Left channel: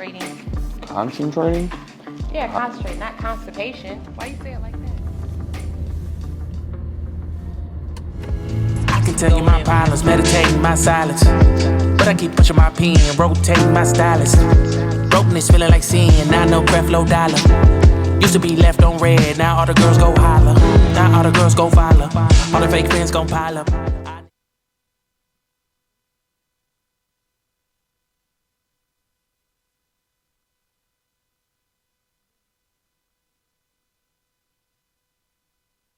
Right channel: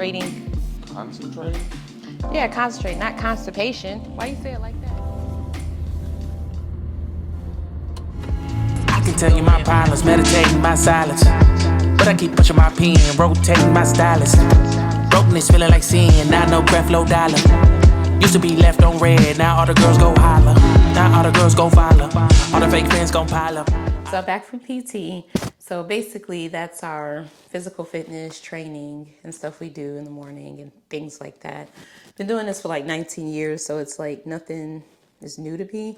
concentrating. Concentrating? Yeah, concentrating, not constipation. Why you say it like that? I can tell you my problems, meditating my silence. But I keep pushing my pen, rotating my stylus. Brokenness feeling like sin, now no breath, low dollar. Used to be left on red, now all the girls go holler. Now all the girls go follow, all the fake fans gon' pile up. So back from PT. So basically that's our physical fitness training and stuff we do in the morning and things like that. Been doing this for like 19 years, so it's like nothing is new to me.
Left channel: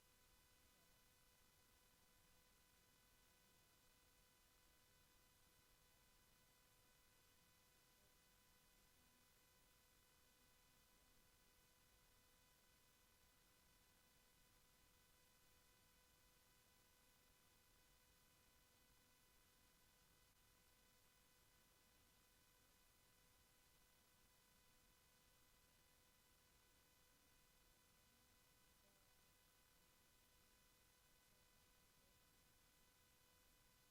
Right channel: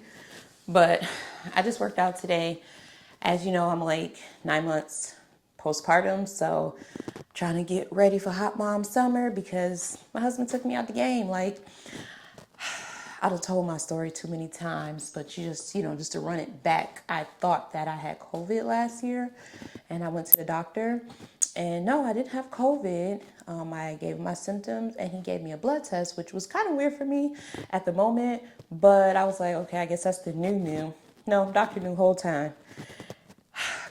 But I just worked out today. As you know, I'm like 9 months postpartum, so trying to get ready for hot mom summer because my husband took me out the game. Like, I'd have told my story too many times, but just to run it back, I thought that I had COVID last year, and I went to the doctor, and no, I didn't have COVID. I gave him my symptoms, and he gave me a blood test, which was kind of weird for me at the moment, but I was like, okay, I guess that's the new. No, doctor knew the whole time.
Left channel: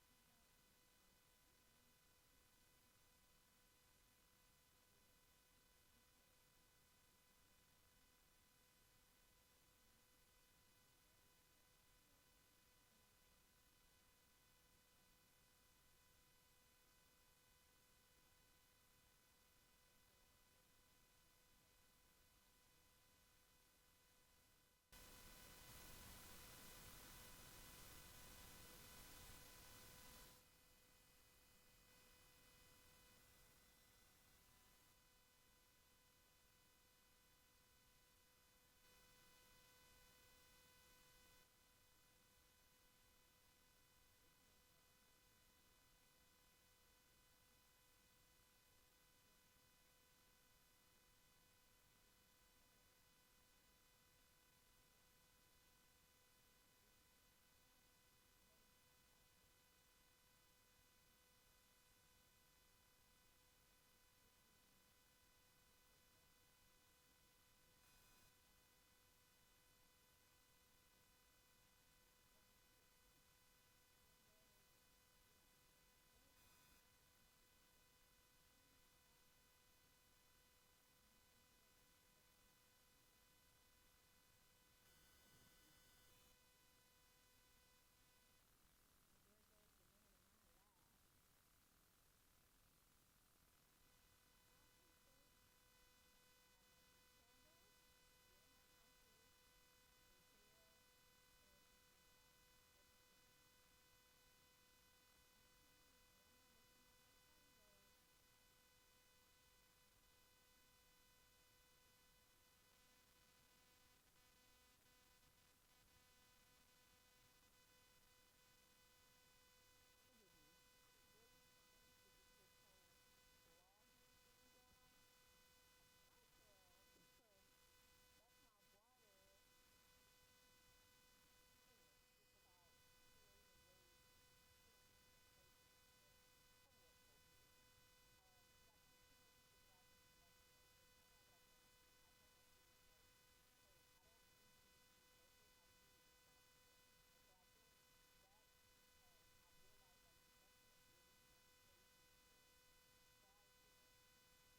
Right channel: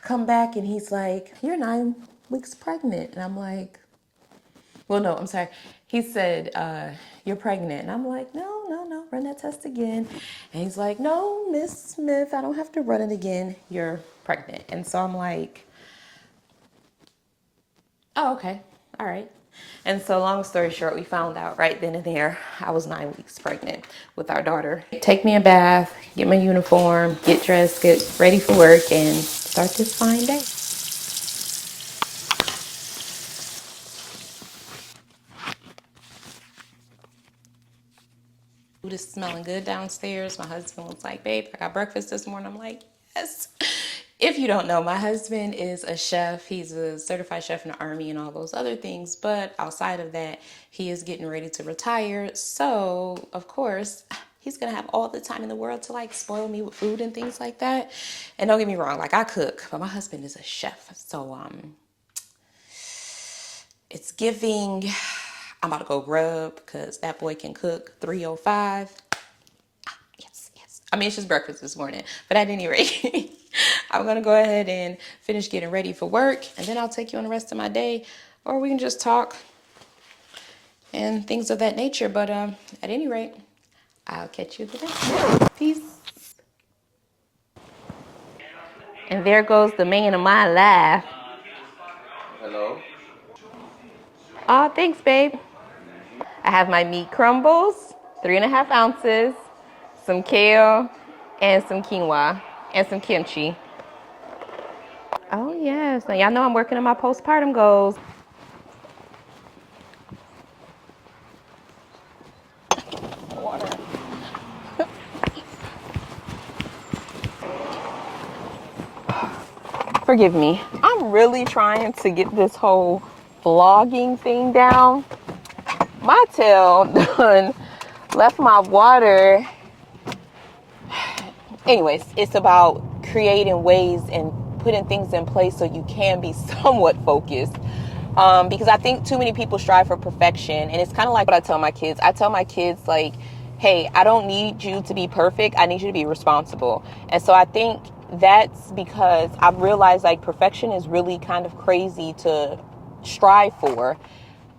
Come back, and he's like, you're 9 weeks pregnant, and I'm like, well, no, I'm sorry. He said, you're pregnant. And I'm like, no, run that test again. And he's like, no, Miss Smith, I don't have to run it again. You're pregnant. And so I'm like, oh, okay. All right. And so long story short, we found out right then and there I was 9 weeks pregnant with our daughter. Take me a bath, get my uniform, get dressed, get ready for work, and start this fine day. Food is smelling good downstairs. My husband was like, babe, I got breakfast this morning. I'm like, yes. If you don't know, my husband is a chef. He's a certified chef in the Army and all those other things. But outside of that, he is getting ready to retire. So, of course, he's going to have all the time in the world to like spoil me with food and things like that. And don't get me wrong, like I cook, but my husband is a chef. So, it's giving. I'm about to go grub because that boy can cook 305. Yes. I mean, it's just breakfast this morning. But at any rate, I'm going to go ahead and finish getting ready for work. And then I'll take you on the rest of my day. Or we can just talk and things of that nature. But at any rate, I'll catch you today. Peace. And there goes the man of my life. Hello? Oh, thanks, babe. I have my meat crumbles, 3.5 ounces, some kale, and some quinoa, and some kimchi. Oh, yes. Now, y'all know I'm working on my postpartum goals. Water. Forgive me. I'm really trying to get this whole vlogging thing down. My tail done left my water. Anyways, it's about creating ways and putting things in place so you can be somewhat focused. Because I think too many people strive for perfection. And it's kind of like what I tell my kids. I tell my kids, like, hey, I don't need you to be perfect. I need you to be responsible. And so I think that's because I've realized like perfection is really kind of crazy to strive for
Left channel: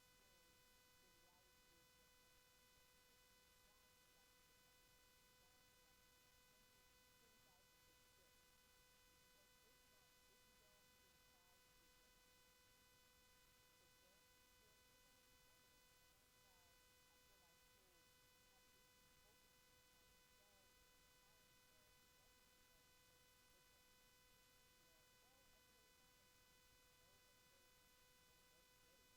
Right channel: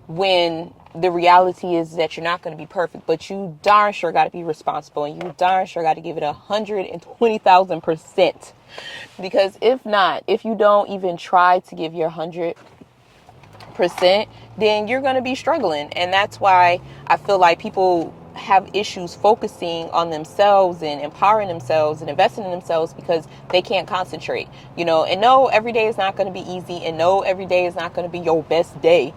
when the reality is that you're not going to be perfect, but you darn sure got to be responsible, and you darn sure got to give it 120,000%. Because if not, if you don't even try to give your 100%, then you're going to be struggling. And that's why I feel like people have issues focusing on themselves and empowering themselves and investing in themselves because they can't concentrate, and no, every day is not going to be easy, and no, every day is not going to be your best day.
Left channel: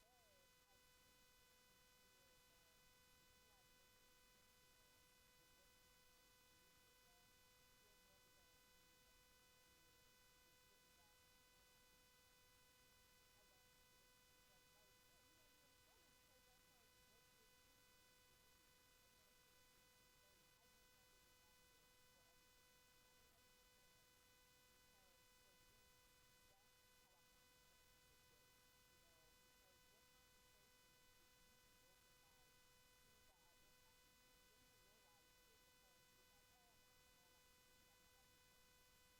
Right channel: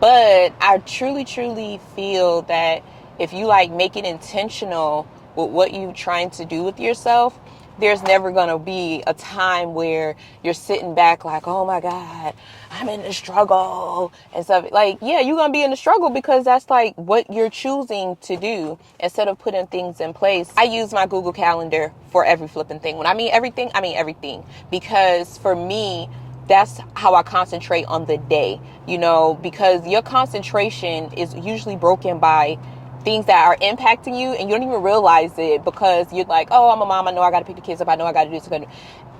But I truly feel that if you like make it intentional with what you're trying to do with yourself, there's never going to be a time where you're sitting back like, oh my God, I'm in the struggle and stuff. Like, yeah, you're going to be in the struggle because that's like what you're choosing to do instead of putting things in place. I use my Google Calendar for every flipping thing. When I mean everything, I mean everything. Because for me, that's how I concentrate on the day, because your concentration is usually broken by things that are impacting you, and you don't even realize it because you're like, oh, I'm a mom, I know I got to pick the kids up, I know I got to do this,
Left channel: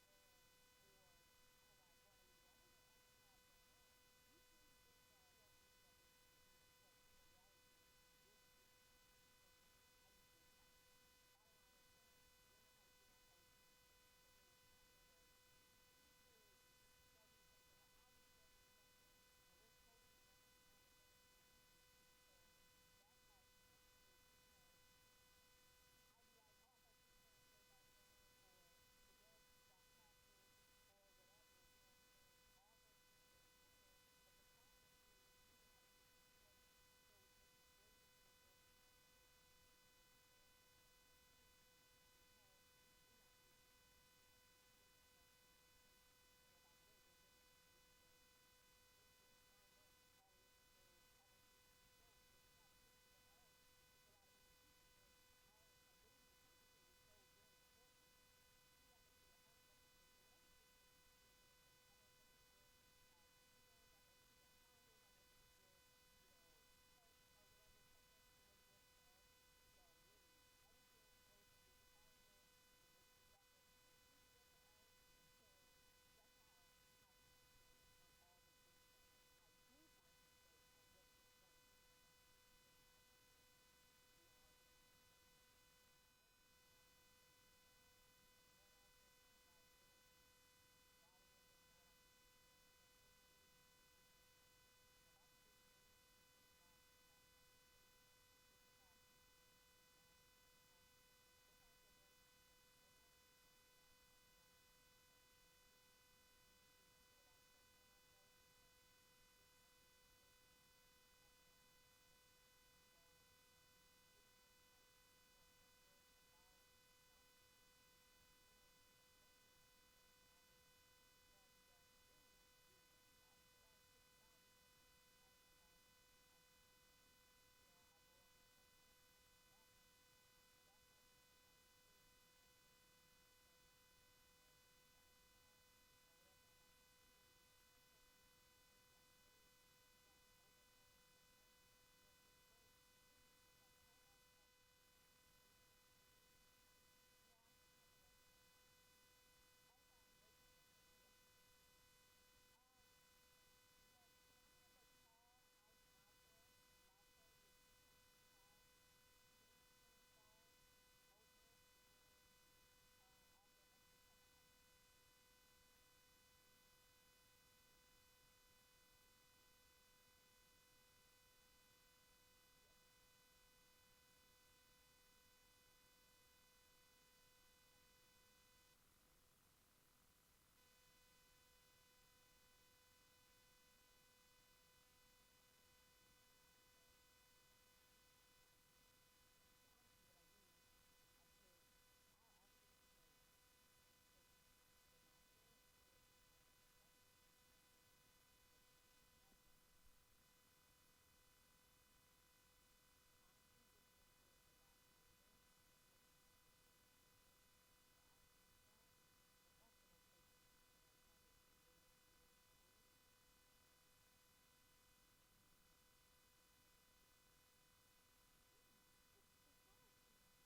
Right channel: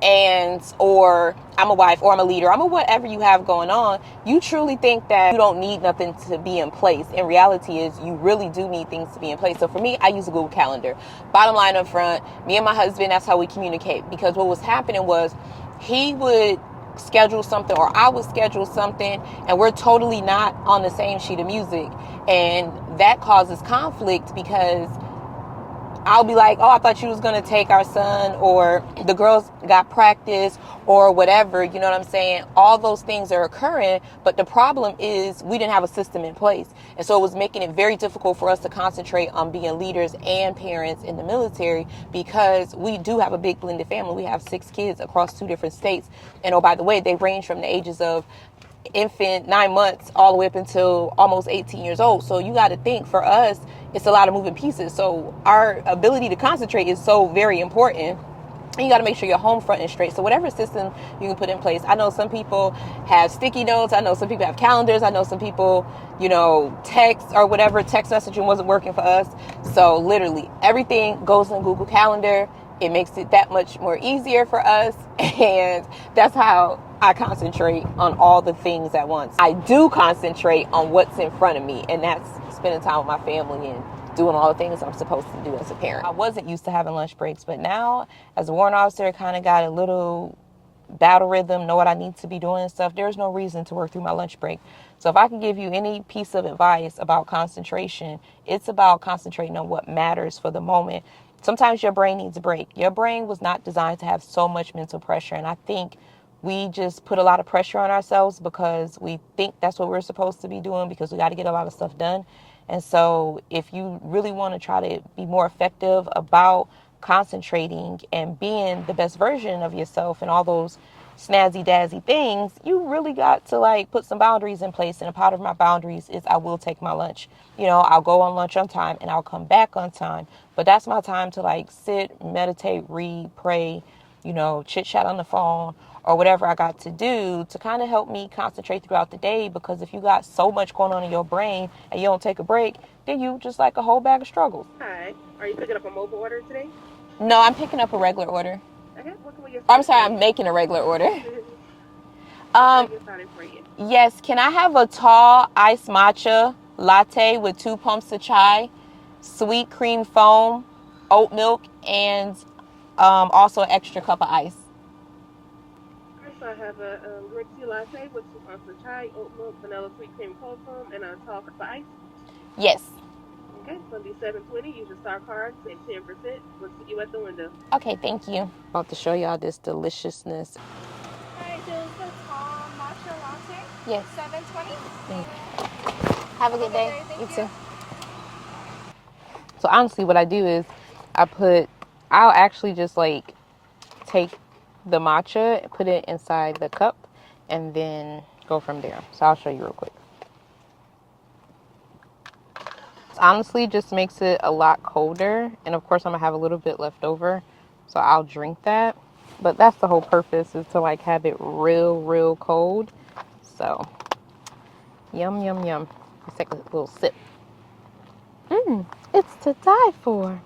and or I'm a wife, or I'm a leader, I'm a whatever you have going on. You truly think that you don't need nothing to be in place. In reality is you really do need things to be in place. So for me, I use a Google Calendar. Bottom line up front, me and my husband, that's how we communicate, because what was happening was he would schedule something or I would schedule something and we're totally not on the same sheet of music, and that causes conflict because I'll be like, oh, I thought you was going to take our son, or the girls got practice, or whatever, you know what I'm saying? All those things are occurring, but the problem is we didn't have a system in place. And so it was making it very difficult for us to concentrate on being leaders and parents in the military, because we do have a big blended family. We have 6 kids across 2 different states. And oh, by the way, they range from the ages of infant, 9 months, all the way up until almost 18 years old. So you got to think, for us, it's a lot of moving pieces. So our ability to concentrate is so very important. And you got to make sure your home front is straight. So whatever system you can put in place. I know some people have sticky notes. I know some people have calendars. I know some people, text or whatever. Text messaging wasn't working for us. So literally everything goes in Google Calendar. It makes it that much more easier for us. And that's how I concentrate on all the things at once. I do concentrate on what's in front of me, and that's spending time with my family and doing all the things I'm supposed to do as a parent. I wasn't used to having lunch breaks, but now as a warrant officer, I kind of got a little battle rhythm, know what I need to be doing and stuff. There's no reason to work through my lunch break. So if I can give you any piece of advice about concentration, it's about concentrating on what matters for the moment. Sometimes your brain needs a break. Your brain was not designed to have so much mental pressure, and I think we just put a lot of pressure on ourselves because we think that's what we're supposed to be doing, because we got to get a lot of stuff done. And so if you really want to try to be more effective about concentrating and being the best version of yourself and all those snazzy dazzy things, you really got to put some boundaries in place. And a part of my boundaries is I will take my lunch. I'll go on lunch on time and I'll come back on time. But that's my time to sit, meditate, read, pray, chit chat on the phone, or whatever I got to do to kind of help me concentrate throughout the day. Because if you got so much going on in your brain and you don't take a break, then you just like a whole bag of struggles. Hi. Are you picking up a mobile order today? No, I'm picking up a regular order. Okay. What can we get? I'm sorry, I'm making a regular order. For you? Yes, can I have a tall iced matcha latte with 2 pumps of chai, sweet cream foam, oat milk, and also an extra cup of ice? So I have a green tea latte with 2 ounces of chai, oat milk, vanilla sweet cream cold foam, and a tall cup of ice. Yes. Okay, it's going to be $7.20. Use your star card, save 10%. We'll see you at the window. Okay, thank you. About to show y'all this deliciousness. Hi, this is the tall matcha latte. Yes. $7.20. Have a good day. Thank You you. too. So honestly, what I do is I'll actually just take the matcha, put it inside the cup, and then go from there. So I'll show you real quick. Honestly, just makes it a lot colder, and of course I'm gonna have a little bit left over, so I'll drink that. But that's the whole purpose, is to have it real cold. So yum yum yum. Let's take a little sip. It's to die for.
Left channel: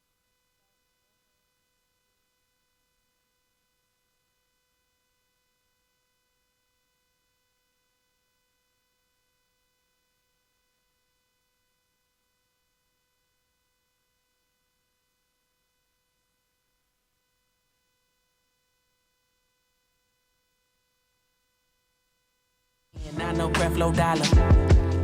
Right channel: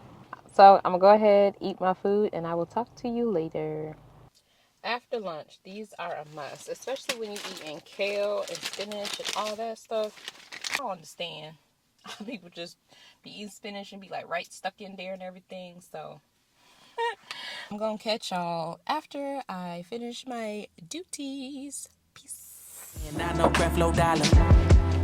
So I'm gonna go ahead, eat my food, and I will talk to you later. After lunch, these are a must, especially when you're eating kale and spinach and all that stuff. I don't understand. People just be eating spinach and be right stuck in there and everything. So I'm gonna catch y'all after I finish my duties. Peace. And I know Creflo Dollar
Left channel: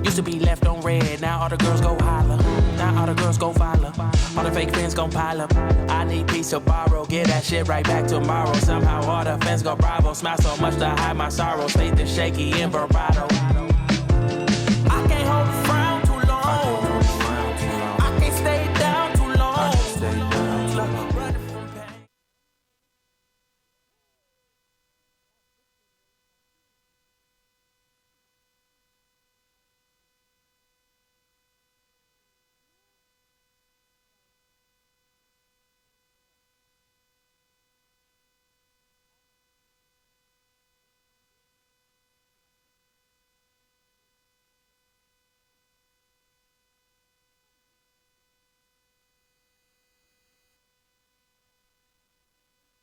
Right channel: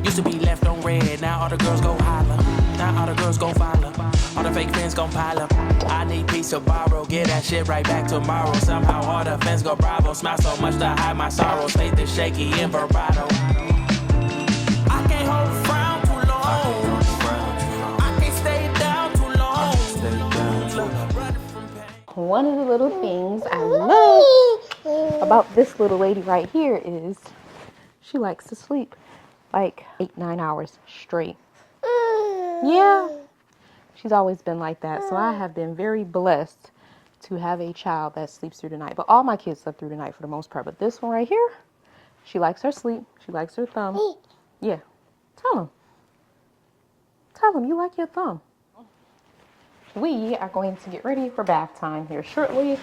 used to be left on red. Now all the girls go holler. Now all the girls go follow. All the fake fans gon' pile up. I need peace to borrow. Get that shit right back tomorrow. Somehow all the fans go bravo. Smile so much to hide my sorrows. Faith is shaky and vibrato. I can't hold a frown too long. I can't stay down too long. One of the little things I love about this little lady right here is she likes to sleep 8-9 hours straight. Yeah, she's always been like that. So I have been very blessed to have a child that sleeps through the night. But all my kids sleep through the night for the most part. But this one right here, she likes her sleep. She likes her thumb. Yeah, tell Tell them you like your thumb. We are going to get ready for bath time here shortly.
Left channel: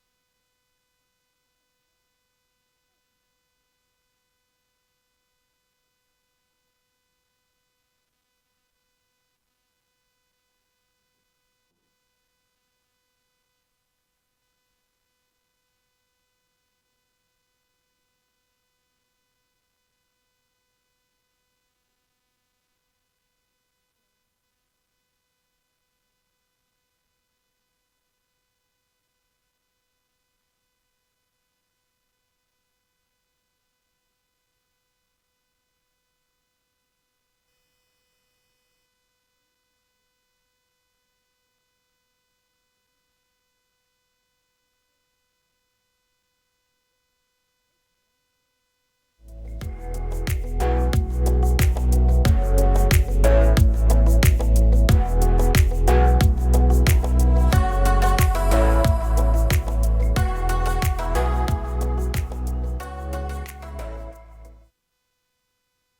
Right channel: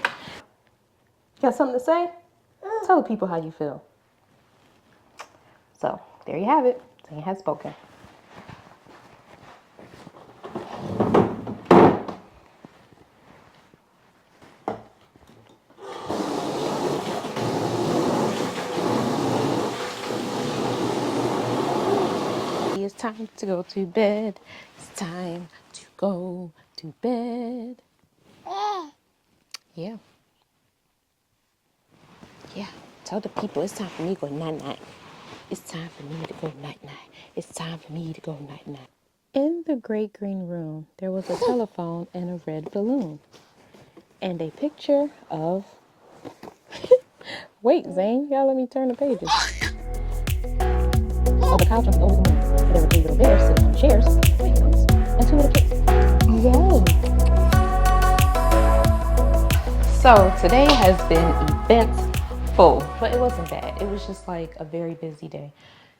Got something to say? Tell the people how you feel. So, there you have it. Zane has spoken. It's time to go to bed. It's time to go to bed. Yeah. Yeah. Tell the people it's time for me to go night-night. It's time for me to go night-night. It's time for me to go night-night. In the great green room, there was a telephone and a red balloon. And a picture of... Wait, Zane, you gotta let me turn the pages. Oh, the couch is open. Chairs. And two little kids. Yay. So, today has been eventful, but it wasn't bad. It was just like a very busy day.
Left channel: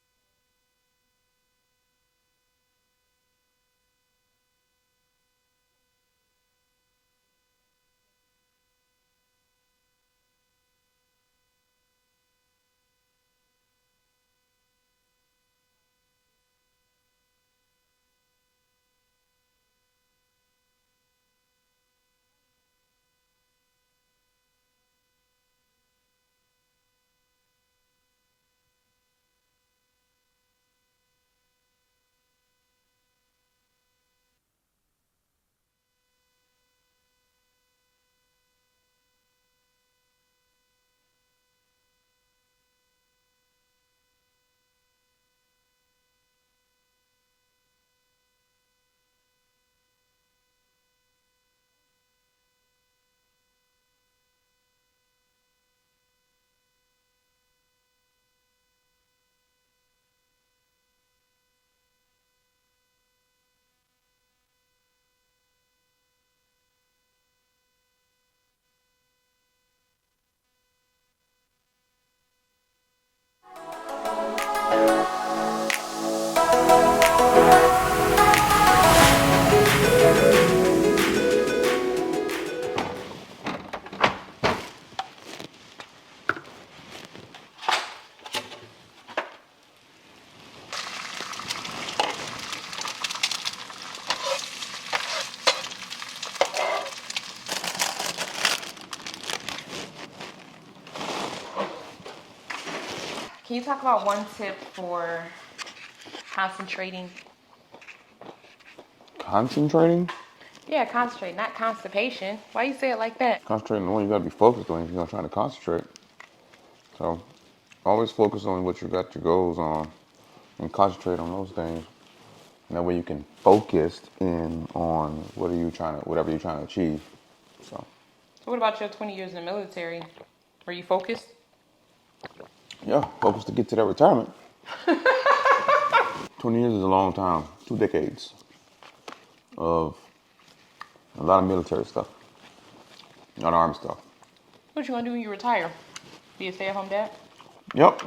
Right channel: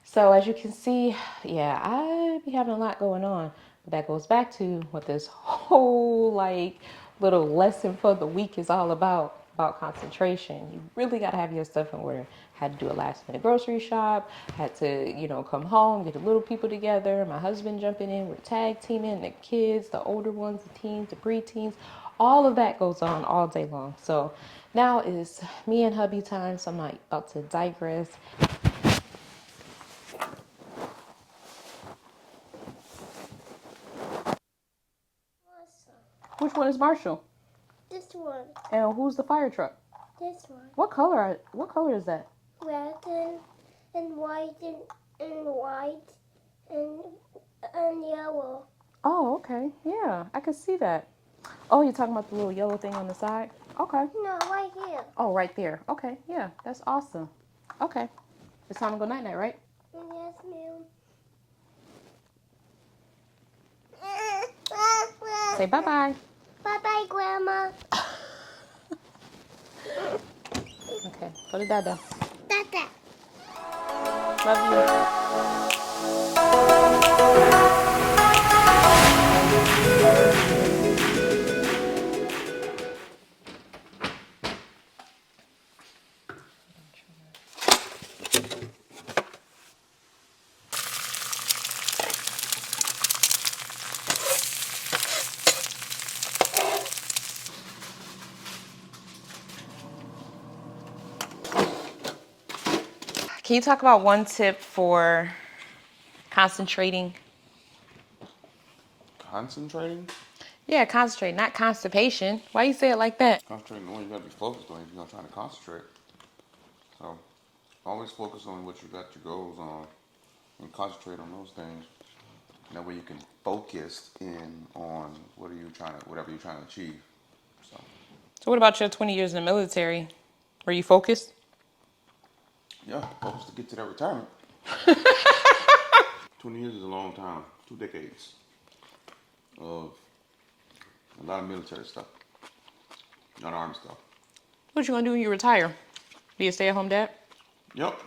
So as you can see, yeah, I be having a lot going on. But that goes back to what this whole like little lesson for the week is all about concentration. You really got to have your stuff in order. Had to do a last minute grocery shop, had to, come home, get the little people together, my husband jumping in, we're tag teaming, the kids, the older ones, the teens, the preteens, all of that goes on all day long. So now is me and hubby time, so I'm not about to digress. Which one is Marshall? This one. And who's the fire truck? This one. What color is that? Red and white and white and yellow. Oh, okay. Yeah, I can see that. Oh, you're talking about the little yellow thing on the side? Okay. No, right here. Oh, right there. Okay, yeah, that's awesome. Okay. It's time to go night-night, right? Yes, ma'am. Say bye-bye. Bye-bye, Grandma. Okay, go to Dada. Dada. Love you. Can you talk about one tip for concentrating? Concentrating? Yeah, concentrate, not constipation. Why you say it like that? Concentrating on what you gotta be focused on if you're gonna try to concentrate. So always focus on what you got your goals on and concentrate on those things. And that way you can focus in on whatever you're trying to achieve. So what about your 20 years in the military? Were you focused? yeah, focus to get to that retirement. 20 years is a long time, 2 decades of a lot of military stuff, a lot of army stuff. What you gonna do when you retire? Be a stay-at-home dad? Yep.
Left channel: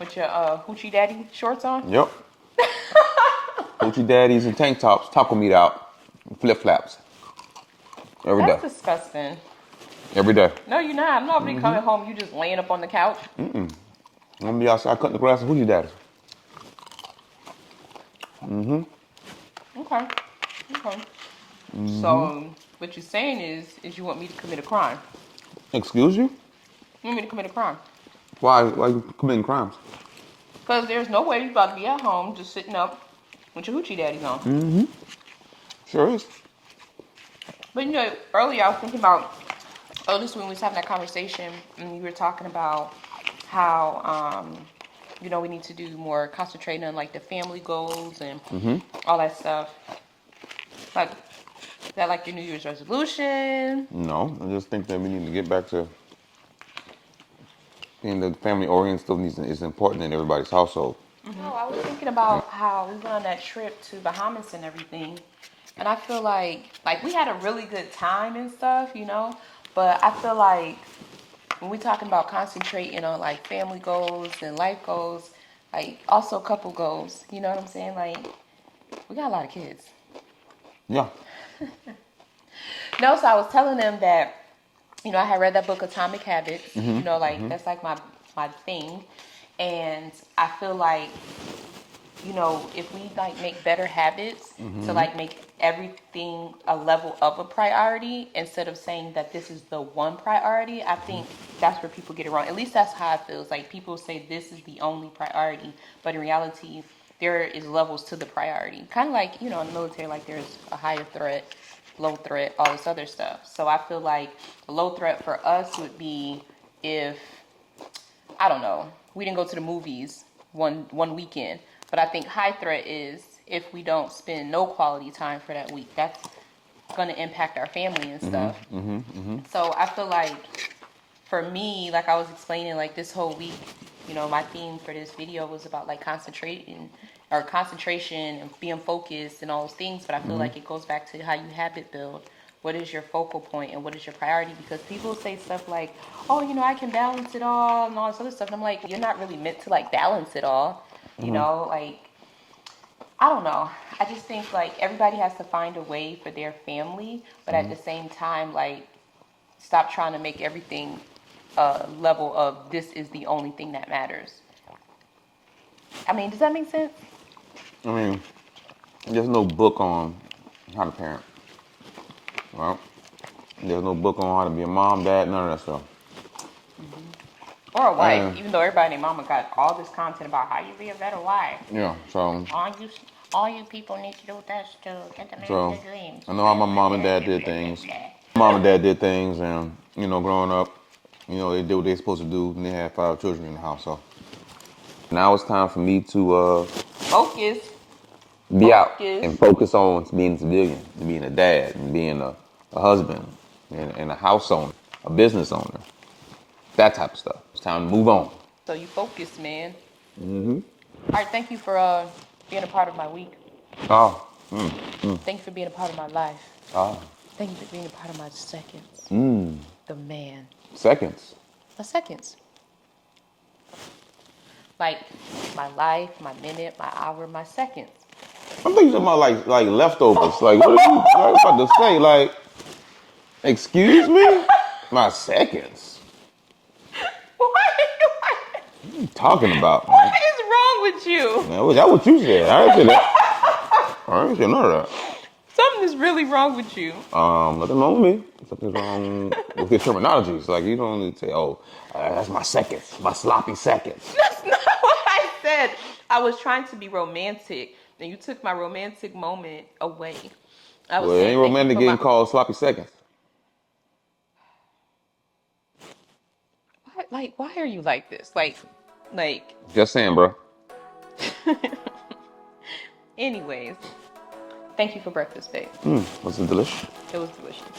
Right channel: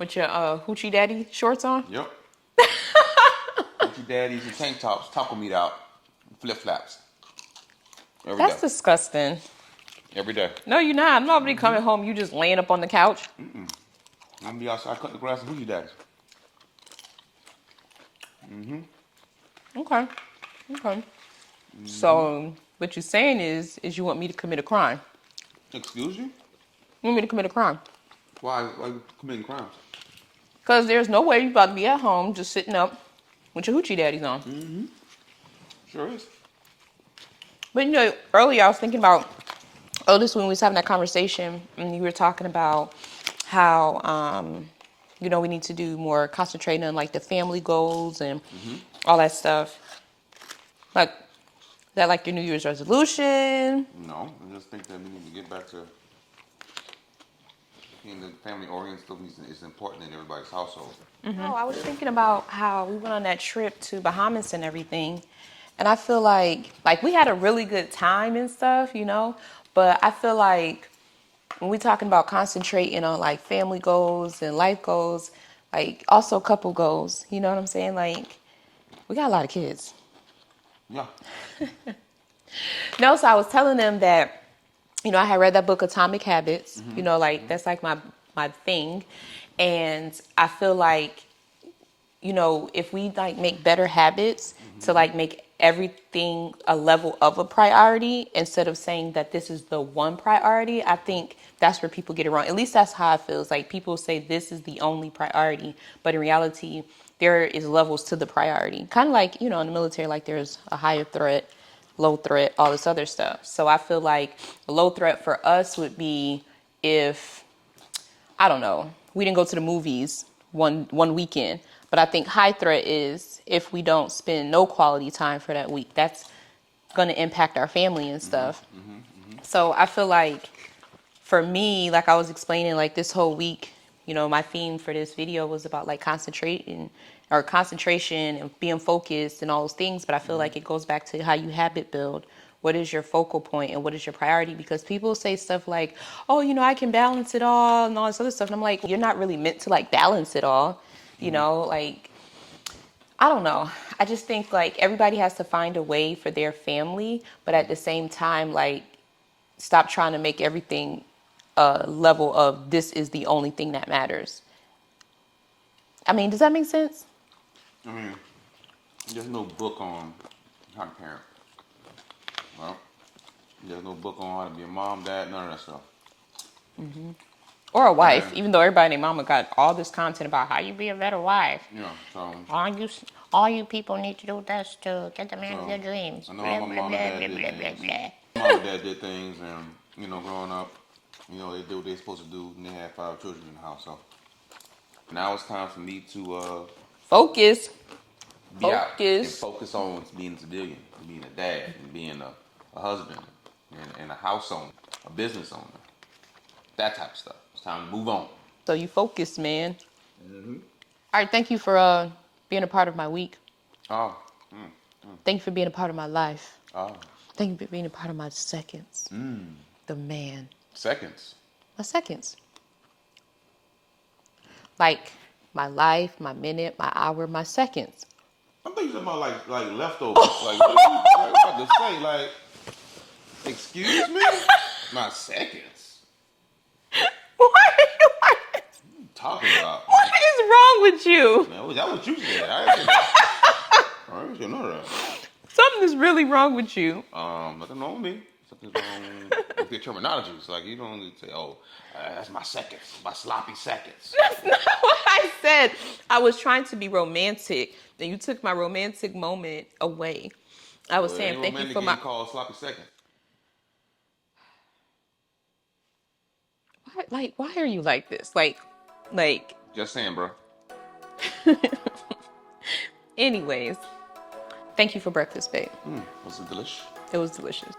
With your hoochie daddy shorts on? Yep. Hoochie daddies and tank tops, taco meat out, flip-flops. Every day. That's disgusting. Every day. No, you're not. I'm not gonna be coming home, you just laying up on the couch. I'm gonna be outside cutting the grass with hoochie daddies. Okay. So what you're saying is you want me to commit a crime. Excuse you? You want me to commit a crime? Why you committing crimes? Because there's no way you're about to be at home just sitting up with your hoochie daddies on. Sure is. But earlier I was thinking about, this when we was having that conversation and you were talking about how, we need to do more concentrating on like the family goals and all that stuff. Like, is that like your New Year's resolution? No, I just think that we need to get back to being the family oriented still is important in everybody's household. No, I was thinking about how we went on that trip to Bahamas and everything. And I feel like we had a really good time and stuff, but I feel like when we're talking about concentrating on like family goals and life goals, like also couple goals, you know what I'm saying? Like We got a lot of kids. Yeah. No, so I was telling them that, you know, I had read that book Atomic Habits. You know, like that's like my thing. And I feel like, you know, if we like make better habits to like make everything a level of a priority instead of saying that this is the one priority, I think that's where people get it wrong. At least that's how it feels. Like people say this is the only priority, but in reality, there is levels to the priority. Kind of like, you know, in the military, like there's a higher threat, low threat, all this other stuff. So I feel like a low threat for us would be if, I don't know, we didn't go to the movies one weekend. But I think high threat is if we don't spend no quality time for that week. That's going to impact our family and stuff. So I feel like for me, like I was explaining, like this whole week, you know, my theme for this video was about like concentration and being focused and all those things. But I feel like it goes back to how you habit build. What is your focal point and what is your priority? Because people say stuff like, oh, you know, I can balance it all and all this other stuff. And I'm like, you're not really meant to like balance it all. You know, like, I don't know. I just think like everybody has to find a way for their family, but at the same time, like, stop trying to make everything a level of this is the only thing that matters. I mean, does that make sense? I mean, there's no book on how to parent. Well, there's no book on how to be a mom, dad, none of that stuff. Or a wife, even though everybody and their mama got all this content about how you be a better wife. Yeah, so All you people need to do is to get the man So, their dreams. I know how my mom and dad did things. Mom and dad did things, and you know, growing up, you know, they did what they supposed to do, and they had 5 children in the house. So now it's time for me to Focus. be out Focus. and focus on being a civilian, and being a dad, and being a husband, and a house owner, a business owner, that type of stuff. It's time to move on. So you focus, man. All right, thank you for being a part of my week. Oh, Thank you for being a part of my life. oh, Thank you for being a part of my seconds. The man. seconds. My seconds. Like my life, my minute, my hour, my seconds. I'm thinking about like leftovers. Like what are you about to say? Like, excuse me? My seconds. What What are you talking about, man? What is wrong with you? Man, was that what you said? I didn't say that. I didn't say none of that. Something is really wrong with you. Nothing wrong with me. Something's wrong with your terminologies. Like, you don't need to say, oh, that's my seconds, my sloppy seconds. That's not what I said. I was trying to be romantic, and you took my romantic moment away. I was Well, it saying, ain't thank you romantic for getting my... called sloppy seconds. Like, why are you like this? Like. Just saying, bro. Anyways, thank you for breakfast, babe. Was it delicious? It was delicious.